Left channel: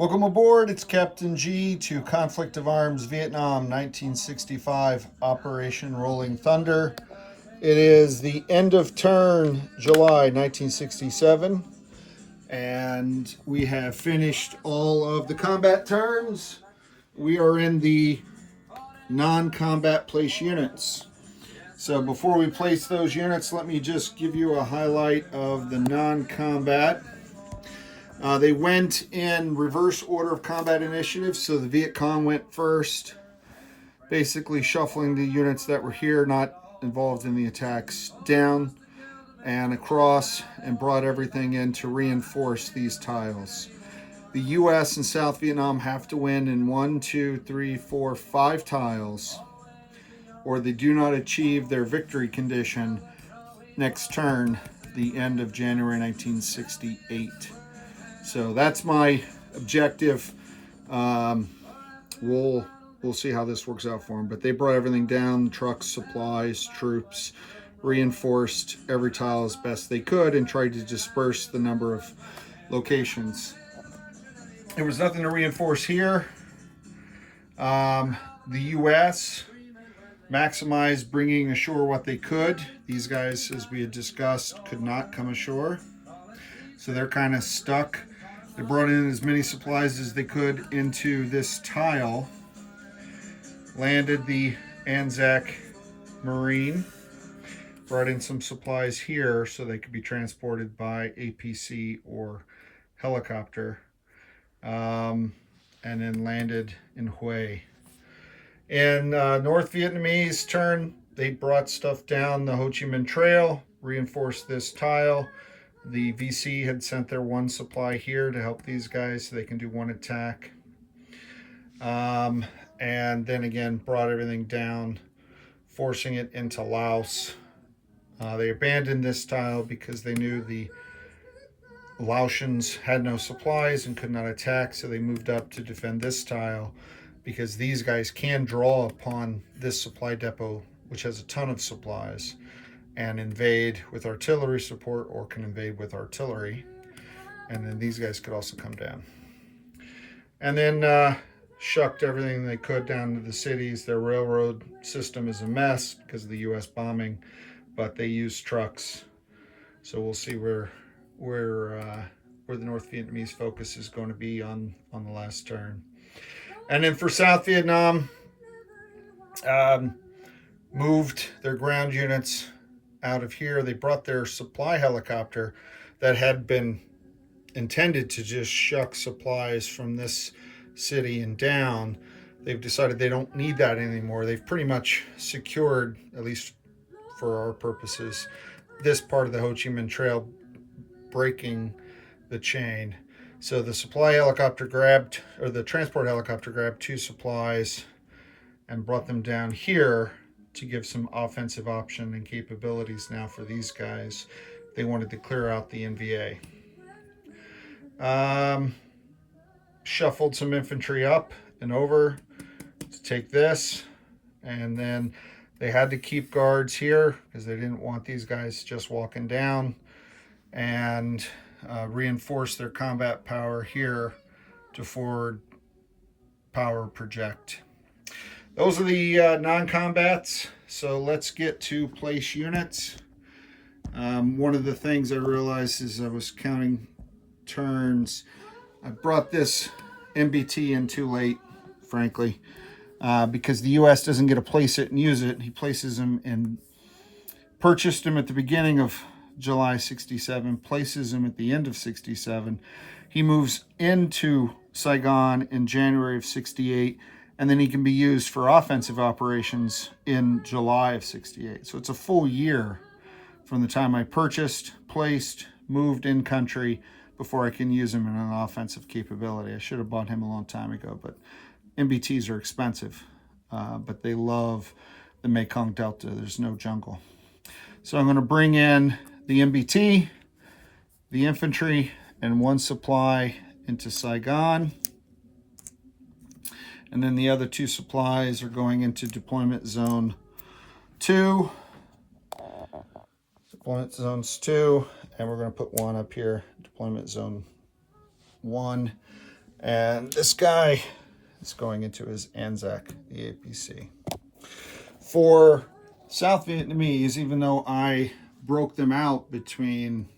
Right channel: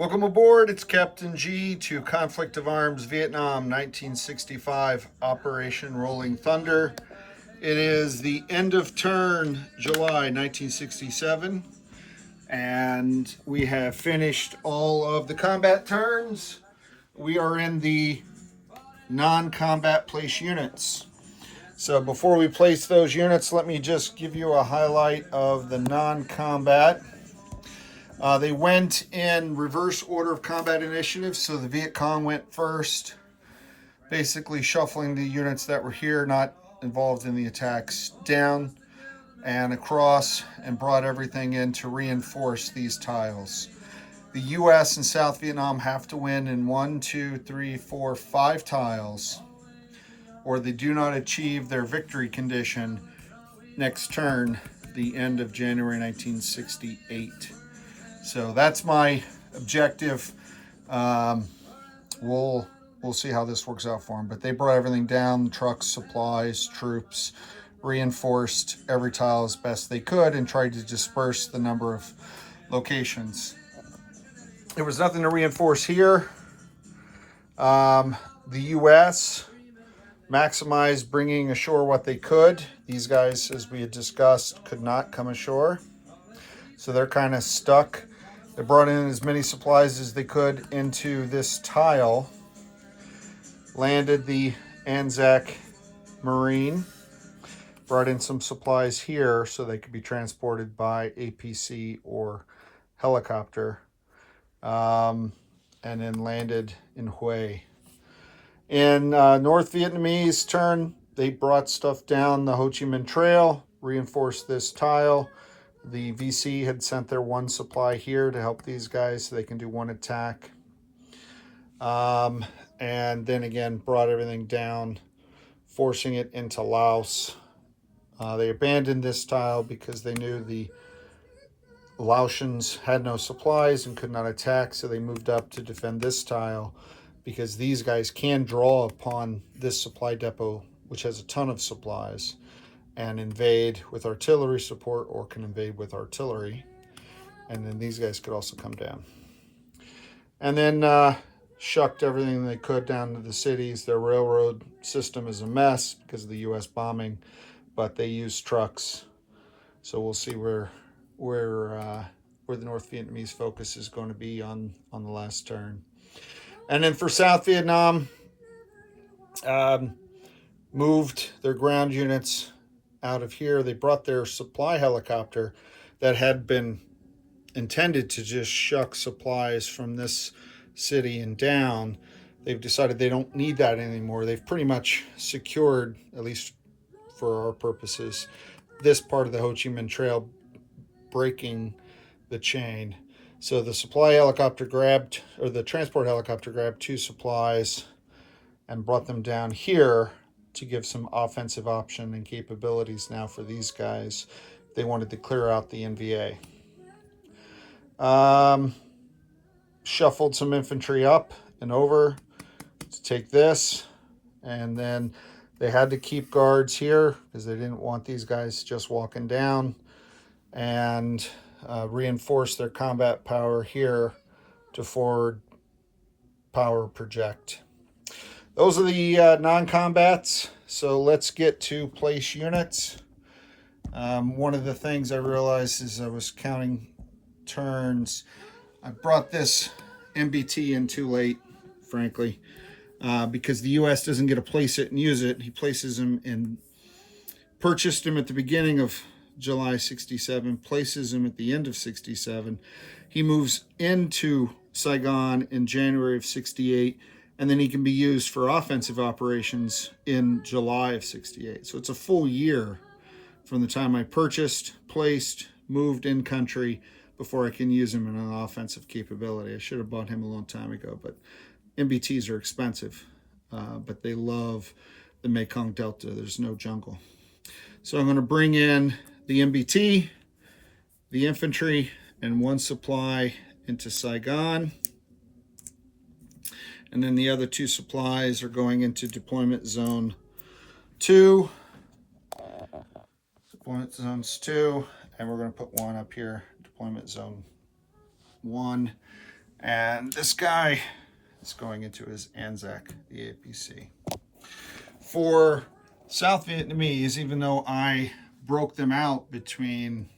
Welcome aboard. It's Captain G to Conflict of Arms Vietnam 1965 Operation Rolling Thunder. It is the end of turn July 1967, and we have finished all of the combat turns. We are in the non-combat place units. So before we place those units, let me just give you a highlight of the non-combat. They went in reverse order of combat initiative, so the Viet Cong went first, basically shuffling the units that were here, not involved in the attacks, down and across, and brought everything in to reinforce these tiles. The U.S. and South Vietnam have to win in 1, 2, 3, 4, 5 tiles, or they do not achieve their victory condition next turn, the end of January 1968. So that's my objective. We'll see how this works out for them. But they brought everything down, trucks, supplies, troops, reinforced every tile as best they could, and tried to disperse the number of locations. There was nothing to reinforce here. The U.S. maximized bringing ashore what they could. These guys, as we had discussed, could not come ashore. So they're kind of stuck. They brought in as many supplies as they could into this tile, landed the Anzac Marine, brought in some supplies here so they could be transported by APC or helicopter, and then landed in Hue. In North Vietnamese turn, they brought stuff down the Ho Chi Minh Trail, reinforced this tile. The VC had sent their one supply here to help these guys so they can do one attack. And then again, brought everything down, forcing it into Laos. They abandoned this tile because they knew the Laotians had no supplies and could not attack, so they moved up to defend this tile because these guys can draw upon this supply depot, which has a ton of supplies, and invade with artillery support, or can invade with artillery. And then these guys could also come down. And then shucked everything they could down to the cities. Their railroad system is a mess because of the U.S. bombing, but they use trucks. So we'll see where the North Vietnamese focus is going to be on the last turn. And then for South Vietnam, moved their ground units out of here. They brought their supply helicopter that had been intended to just shuck supplies from this city and down. They've decided they don't need that anymore. They've pretty much secured, at least for our purposes, this part of the Ho Chi Minh Trail, breaking the chain. So the supply helicopter grabbed, or the transport helicopter grabbed 2 supplies and brought them down here to give some offensive option and capabilities now for these guys. They wanted to clear out the NVA. Shuffled some infantry up and over to take this, and then they had to keep guards here because they didn't want these guys just walking down, and reinforce their combat power here to forward power project. Those are the non-combats. So let's get to place units. One of the things I realized as I was counting turns, I brought this MBT in too late, frankly, because the U.S. doesn't get to place it and use it. He places them and purchased them at the beginning of July 67, places him at the end of 67. He moves into Saigon in January of 68, and then he can be used for offensive operations in July of 68. So it's a full year from the time I purchased, placed, moved in country before I can use him in an offensive capability. I should have bought him a long time ago, but MBTs are expensive, but they love the Mekong Delta. There's no jungle. So I'm going to bring in the MBT, the infantry, and 1 supply into Saigon. And then the other 2 supplies are going into deployment zone 2. Deployment zones 2. And we're going to put 1 up here, deployment zone 1. And this guy is going into his Anzac, the APC. For South Vietnamese, even though I broke them out between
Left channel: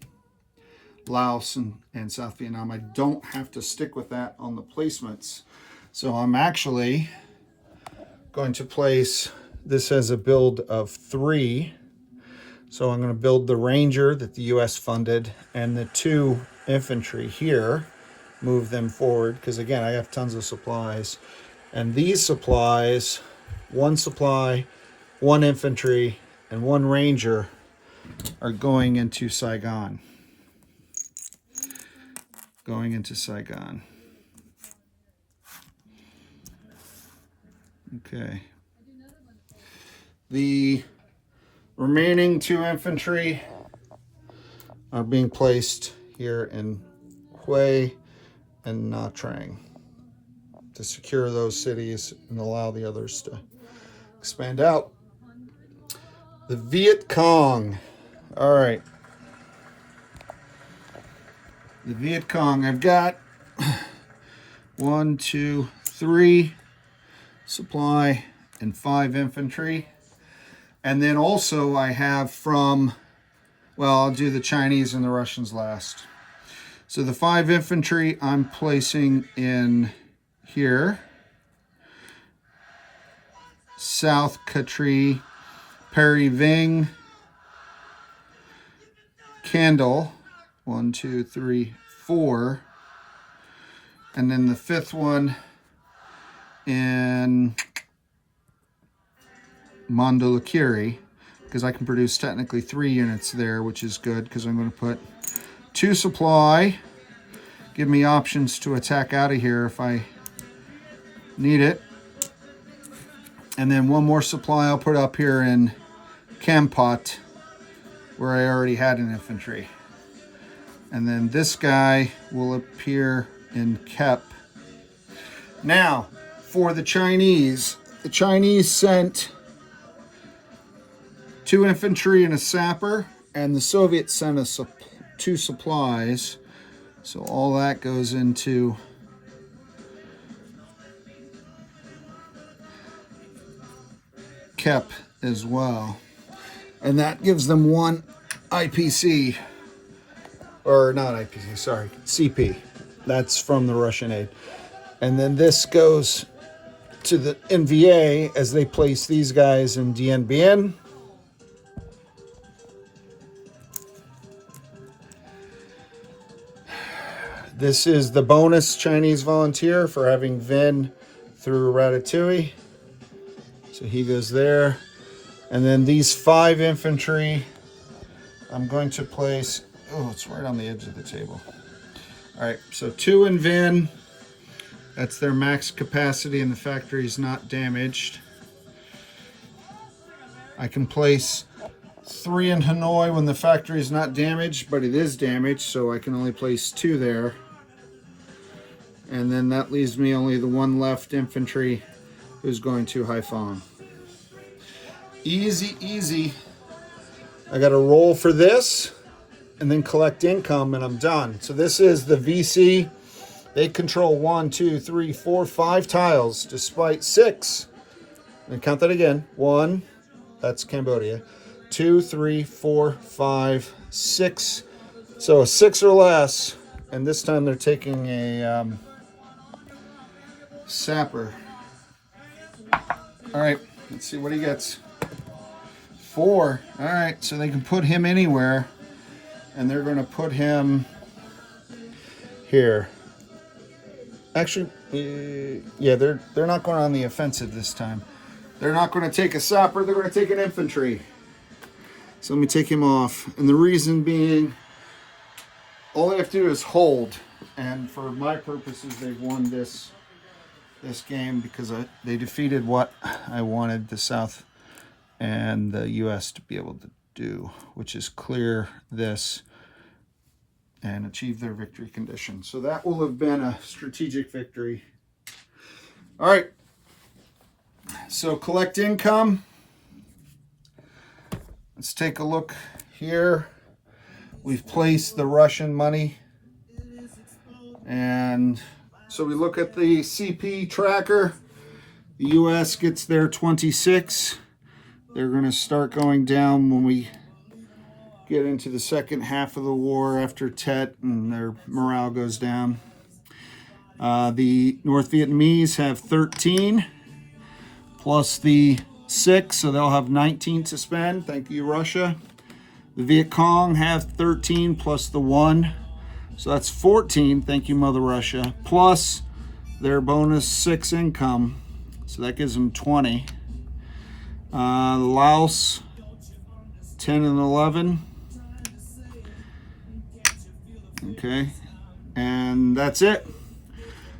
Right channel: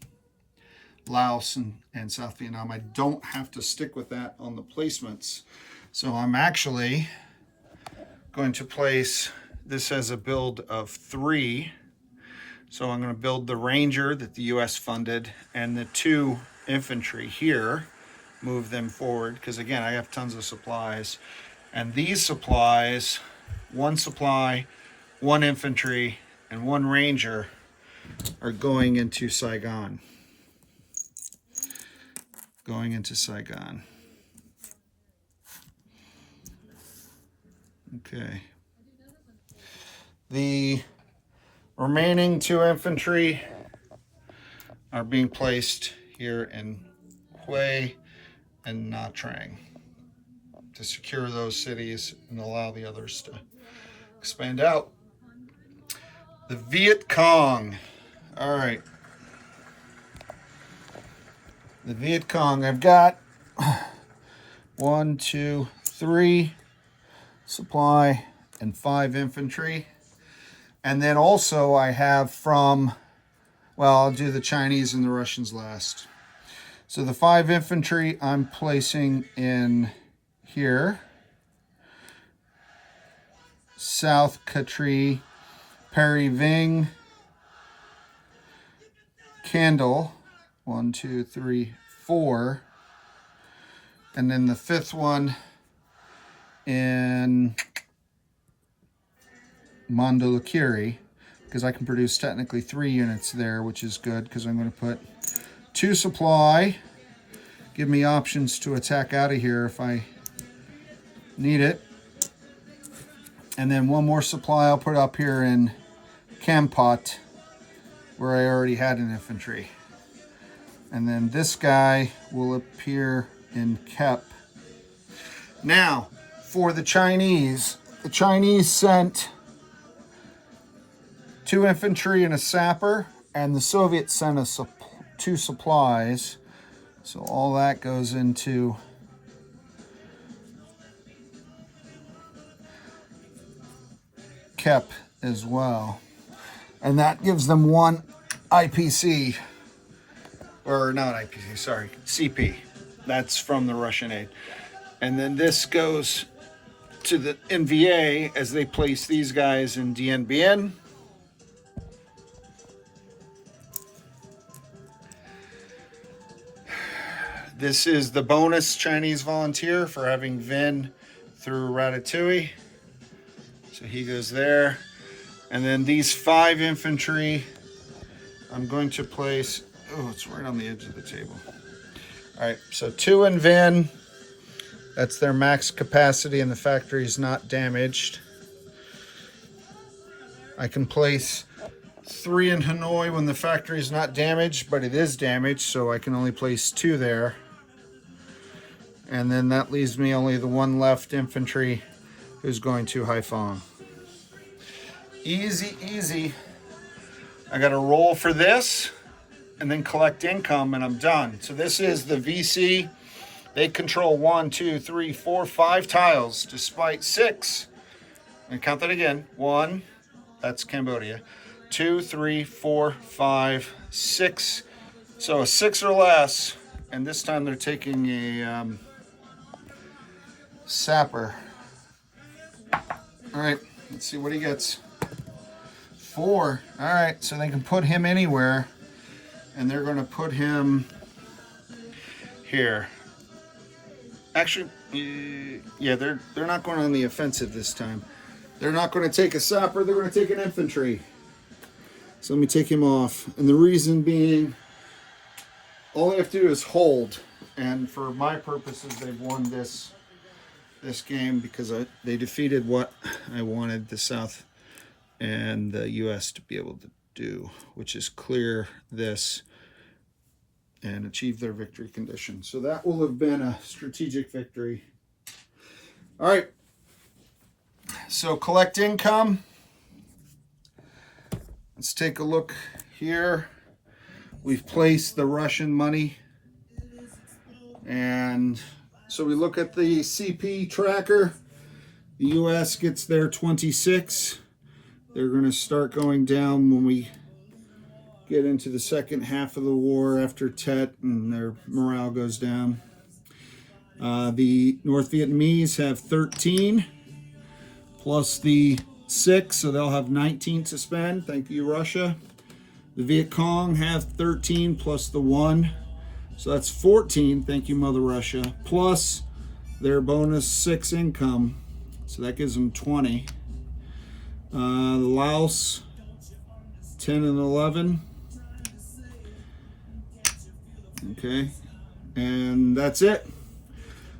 Laos and South Vietnam, I don't have to stick with that on the placements. So I'm actually going to place this as a build of 3. So I'm going to build the Ranger that the US funded and the 2 infantry here, move them forward, because again, I have tons of supplies. And these supplies, 1 supply, 1 infantry, and 1 Ranger are going into Saigon. Going into Saigon. Okay. The remaining 2 infantry are being placed here in Hue and Nha Trang to secure those cities and allow the others to expand out. The Viet Cong. All right. The Viet Cong. I've got 1, 2, 3 supply and 5 infantry. And then also I have from, well, I'll do the Chinese and the Russians last. So the 5 infantry I'm placing in here. South Katri, Perry Ving, Candle, 1, 2, 3, 4. And then the 5th one in Mandalakiri, because I can produce technically 3 units there, which is good because I'm going to put 2 supply, give me options to attack out of here if I need it. And then 1 more supply I'll put up here in Kampot, where I already had an infantry. And then this guy will appear in Kep. Now, for the Chinese sent 2 infantry and a sapper, and the Soviets sent us 2 supplies. So all that goes into Kep as well. And that gives them 1 IPC, or not IPC, sorry, CP. That's from the Russian aid. And then this goes to the NVA as they place these guys in Dien Bien. This is the bonus Chinese volunteer for having Vin through Ratatouille. So he goes there. And then these 5 infantry, I'm going to place, oh, it's right on the edge of the table. All right, so 2 in Vin. That's their max capacity and the factory is not damaged. I can place 3 in Hanoi when the factory is not damaged, but it is damaged, so I can only place 2 there. And then that leaves me only the 1 left infantry who's going to Haiphong. Easy, easy. I got to roll for this and then collect income and I'm done. So this is the VC. They control 1, 2, 3, 4, 5 tiles despite 6. And count that again. 1, that's Cambodia. 2, 3, 4, 5, 6. So a 6 or less. And this time they're taking a sapper. All right, let's see what he gets. 4. All right, so they can put him anywhere. And they're going to put him here. Actually, yeah, they're not going on the offensive this time. They're not going to take a sapper. They're going to take an infantry. So let me take him off. And the reason being, all they have to do is hold. And for my purposes, they've won this game because they defeated what I wanted the South and the U.S. to be able to do, which is clear this and achieve their victory condition. So that will have been a strategic victory. All right. So collect income. Let's take a look here. We've placed the Russian money and So we look at the CP tracker. The US gets their 26. They're going to start going down when we get into the second half of the war after Tet, and their morale goes down. The North Vietnamese have 13 plus the 6, so they'll have 19 to spend. Thank you, Russia. The Viet Cong have 13 plus the 1, so that's 14. Thank you, Mother Russia. Plus their bonus 6 income, so that gives them 20. Laos, 10 and 11. Okay, and that's it.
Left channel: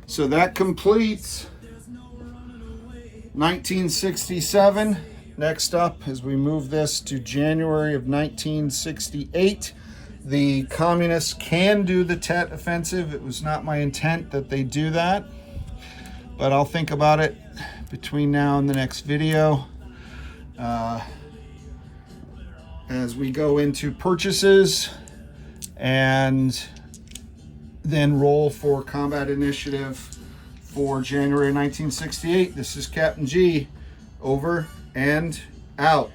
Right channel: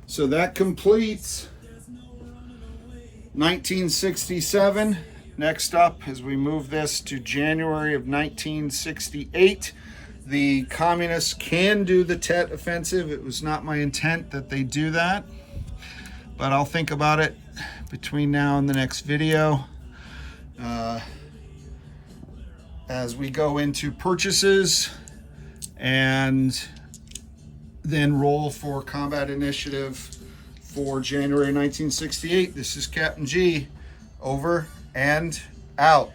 So that completes 1967. Next up, as we move this to January of 1968, the communists can do the Tet Offensive. It was not my intent that they do that, but I'll think about it between now and the next video. As we go into purchases and then roll for combat initiative for January 1968. This is Captain G, over and out.